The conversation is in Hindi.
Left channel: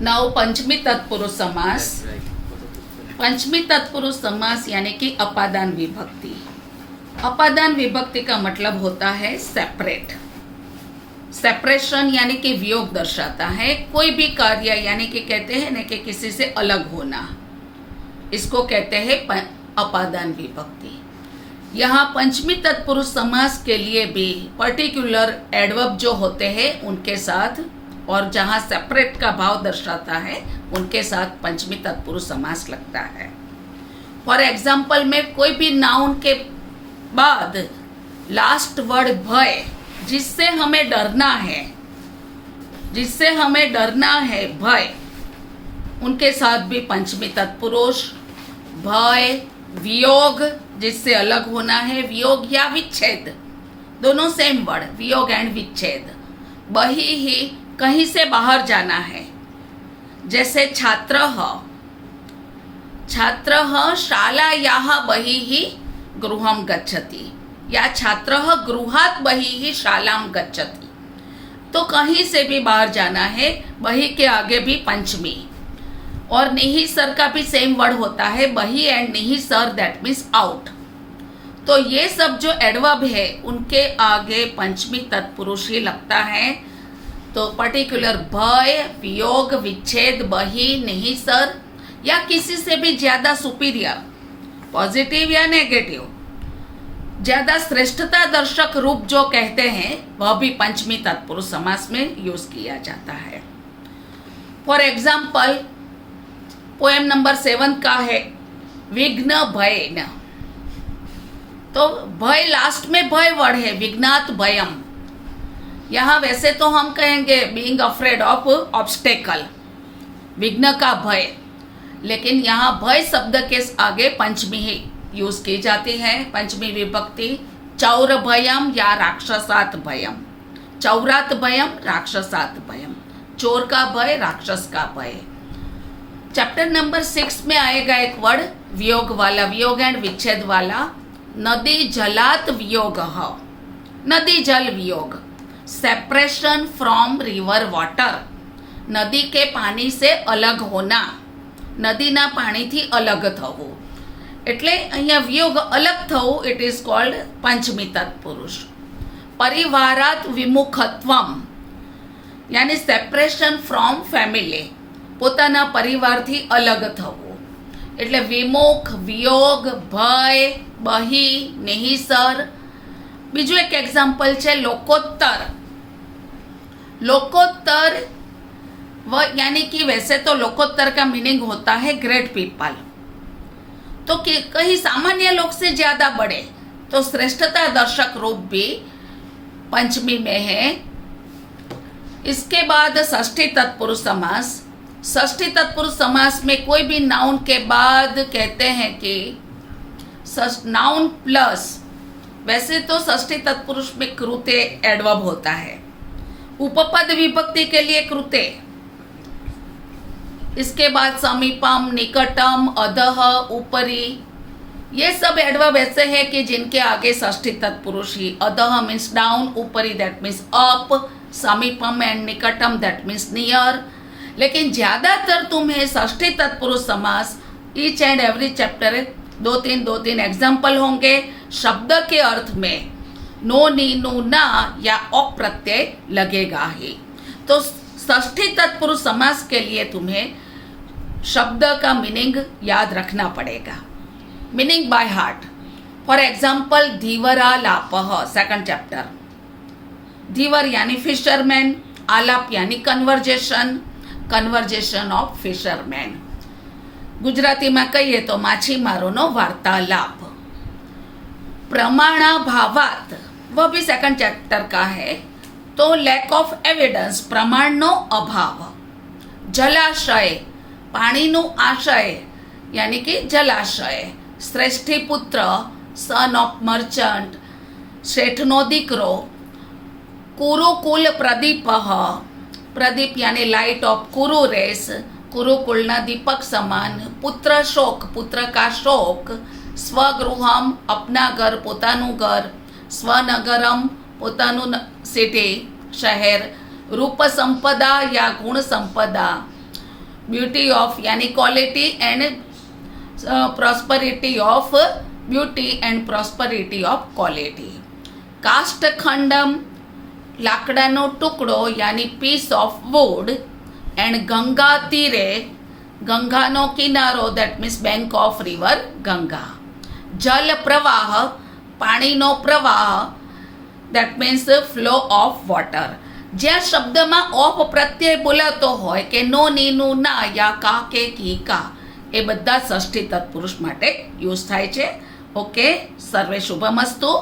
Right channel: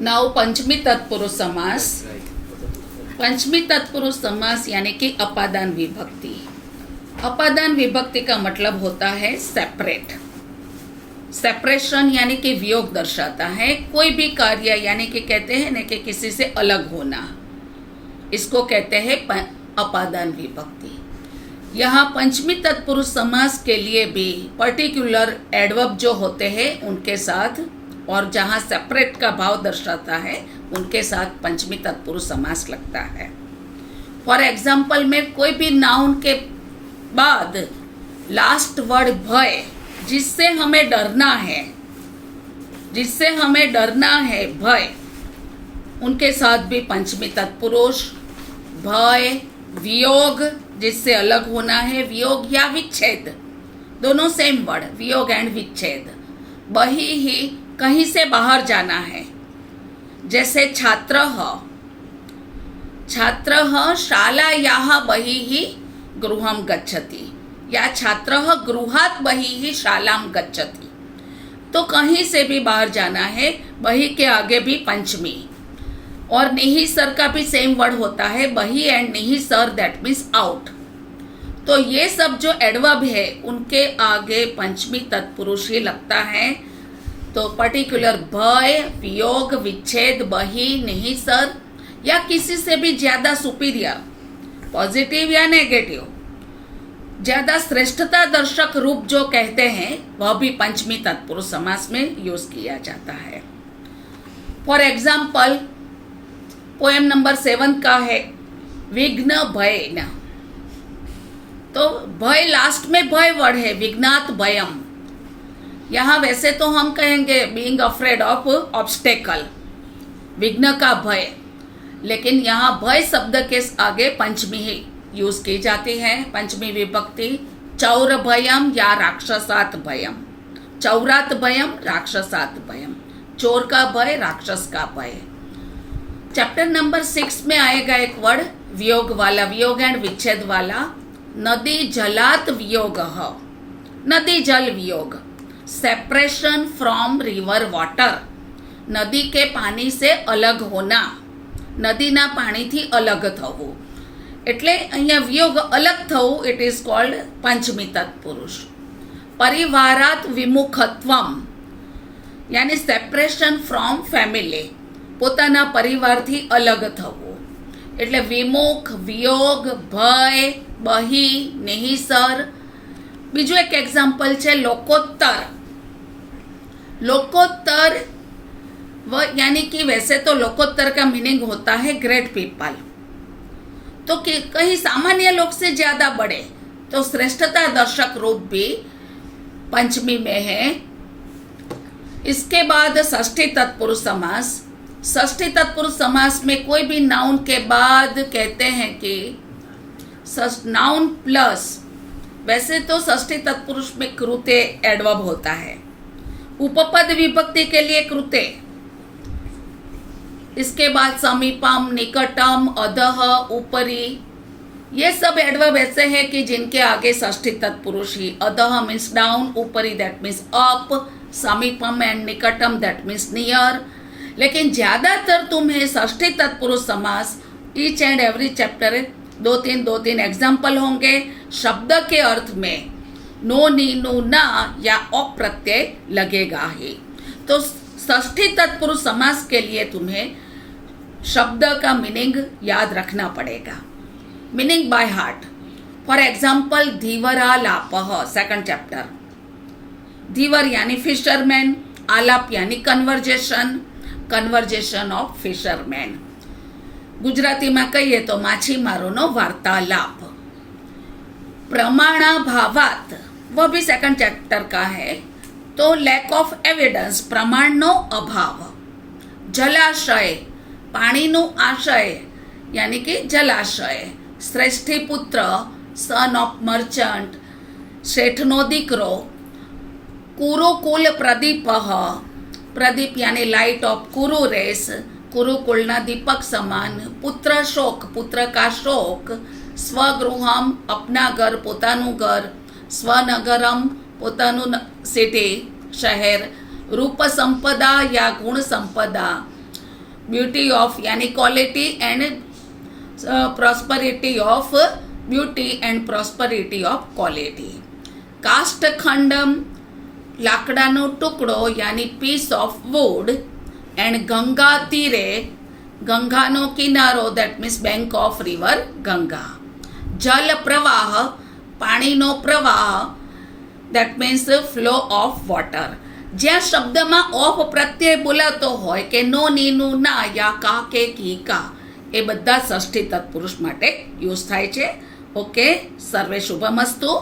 नाउ पंचमी तत्पुरुष समास। पंचमी तत्पुरुष समास यानी कि अपादान विभक्ति। अपादान विभक्ति का मतलब होता है सेपरेट। सेपरेशन यानी कि वियोग दर्शाता है कोई भी कार्य, यानी कि कहते हैं ना कि किसी से अलग होना, इसको कहते हैं अपादान विभक्ति। यहाँ पंचमी तत्पुरुष समास के लिए भी पर्टिकुलर एडवर्ब जो होते हैं उनके साथ, और जहाँ सेपरेट का भाव दर्शाता है उनके साथ पंचमी तत्पुरुष समास लगता है। फॉर एग्जाम्पल में कोई भी नाउन के बाद लास्ट वर्ड भय, जिससे हमें डरना है, जिससे हमें डरना है भय, उनके साथ भी पंचमी तत्पुरुष। भय, वियोग जिससे अलग होना है, वियोग या विच्छेद, दोनों सेम वर्ड, वियोग एंड विच्छेद। बही ही कहीं से बाहर जाना है, जैसे छात्रः, छात्रः शालायाः बहिः गृहं गच्छति, या छात्रः गृहात् बहिः शालां गच्छति। तो कहीं से भी बाहर जाना है, बही के आगे भी पंचमी। और निहिसर का भी सेम वर्ड होता है, बही एंड निहिसर, दैट मीन्स आउट। तो ये सब जो एडवर्ब है उनके आगे पंचमी तत्पुरुष ही लगता है। तो पर्टिकुलर भय, वियोग, विच्छेद, बही, निहिसर या किसी से भी ज्यादा सुपीरियर, पॉजिटिव या नेगेटिव, ज्यादा श्रेष्ठता दर्शक रूप जो कहते हैं वह भी पंचमी तत्पुरुष समास में यूज किया जाता है। फॉर एग्जाम्पल पोएम नंबर 7 का है विघ्न भय न। तो भय लास्ट में भय वर्ड है, विघ्नात भयम। यहाँ वैसे तो हम कहेंगे बीइंग अफ्रेड ऑफ ऑब्स्टेकल, विघ्न का भय, लेकिन यहाँ भय शब्द के आगे पंचमी ही यूज की जाती है, पंचमी विभक्ति। चौर भयम या राक्षसात भयम, चौरात भयम, राक्षसात भयम, चोर का भय, राक्षस का भय। चैप्टर नंबर 6 में आएगा एक वर्ड वियोग वाला, वियोग एंड विच्छेद वाला। नदी जलात वियोग, नदी जल वियोग, सेपरेशन फ्रॉम रिवर वाटर, नदी के पानी से अलग होना, નદીના પાણીથી અલગ થવું, એટલે અહીંયા વિયોગ અલગ થવું, ઇટ ઇઝ કોલ્ડ પંચમી તત્પુરુષ. પરિવારાત વિમુખત્વમ યાની સેપરેશન ફ્રોમ ફેમિલી, પોતાના પરિવારથી અલગ થવું, એટલે વિમુખ, વિયોગ, ભય, બહી, નિહિસર. બીજું એક એક્ઝામ્પલ છે લોકોત્તર. लोकोत्तर यानी कि वैसे तो लोकोत्तर का मीनिंग होता है ग्रेट पीपल, तो कहीं सामान्य लोग से ज्यादा बड़े, तो श्रेष्ठता दर्शक रूप भी पंचमी में है. इसके बाद षष्ठी तत्पुरुष समास. षष्ठी तत्पुरुष समास में कोई भी नाउन के बाद कहते हैं कि नाउन प्लस, वैसे तो षष्ठी तत्पुरुष में कृते एडवर्ब होता है, उपपद विभक्ति के लिए कृते. इसके बाद समीपम, निकटम, अधः, ऊपरी, ये सब एडवर्ब ऐसे हैं कि जिनके आगे षष्ठी तत्पुरुष ही. अधः मीन्स डाउन, ऊपरी दैट मीन्स अप, समीपम एंड निकटम दैट मीन्स नियर. लेकिन ज्यादातर तुम्हें षष्ठी तत्पुरुष समास ईच एंड एवरी चैप्टर दो तीन एग्जाम्पल होंगे. शब्द के अर्थ में नो, नी, नु, ना या औ प्रत्यय लगेगा ही. तो षष्ठी तत्पुरुष समास के लिए तुम्हें शब्द का मीनिंग याद रखना पड़ेगा, meaning by heart. For example धीवरालापः, सेकंड चैप्टर. धीवर यानी फिशरमैन, आलाप यानी conversation, conversation of fisherman. Gujarati में कहिए तो माछीमारोनो वार्तालाप. प्रमाणाभावात, वह भी सेकंड चैप्टर का है, तो लैक ऑफ एविडेंस, प्रमाणनो अभाव. जलाशय, पाणीनो आशय यानी कि जलाशय. श्रेष्ठी पुत्र, सन ऑफ मर्चेंट, શેઠનો દીકરો. કુરુકુલ પ્રદીપઃ, પ્રદીપ यानी लाइट ऑफ कुरु रेस, कुरुकुलना दीपक समान. पुत्र शोक, पुत्र का शोक. स्वगृहम, अपना घर, पोतानु घर. स्वनगरम, पोतानु सिटी, शहर. रूप संपदा या गुण संपदा, ब्यूटी ऑफ यानी quality and prosperity of beauty and prosperity of quality. કાષ્ઠખંડમ લાકડાનો ટુકડો યાની piece of wood, and Ganga તીરે ગંગાનો કિનારો that means bank of river Ganga. જલ પ્રવાહ પાણીનો પ્રવાહ that means flow of water. જ્યાં શબ્દમાં ઓફ પ્રત્યય બોલાતો હોય કે નો ની નું ના યા કા કે કી કા એ બધા ષષ્ઠી તત્પુરુષ માટે યુઝ થાય છે. ઓકે, સર્વે શુભમસ્તુ.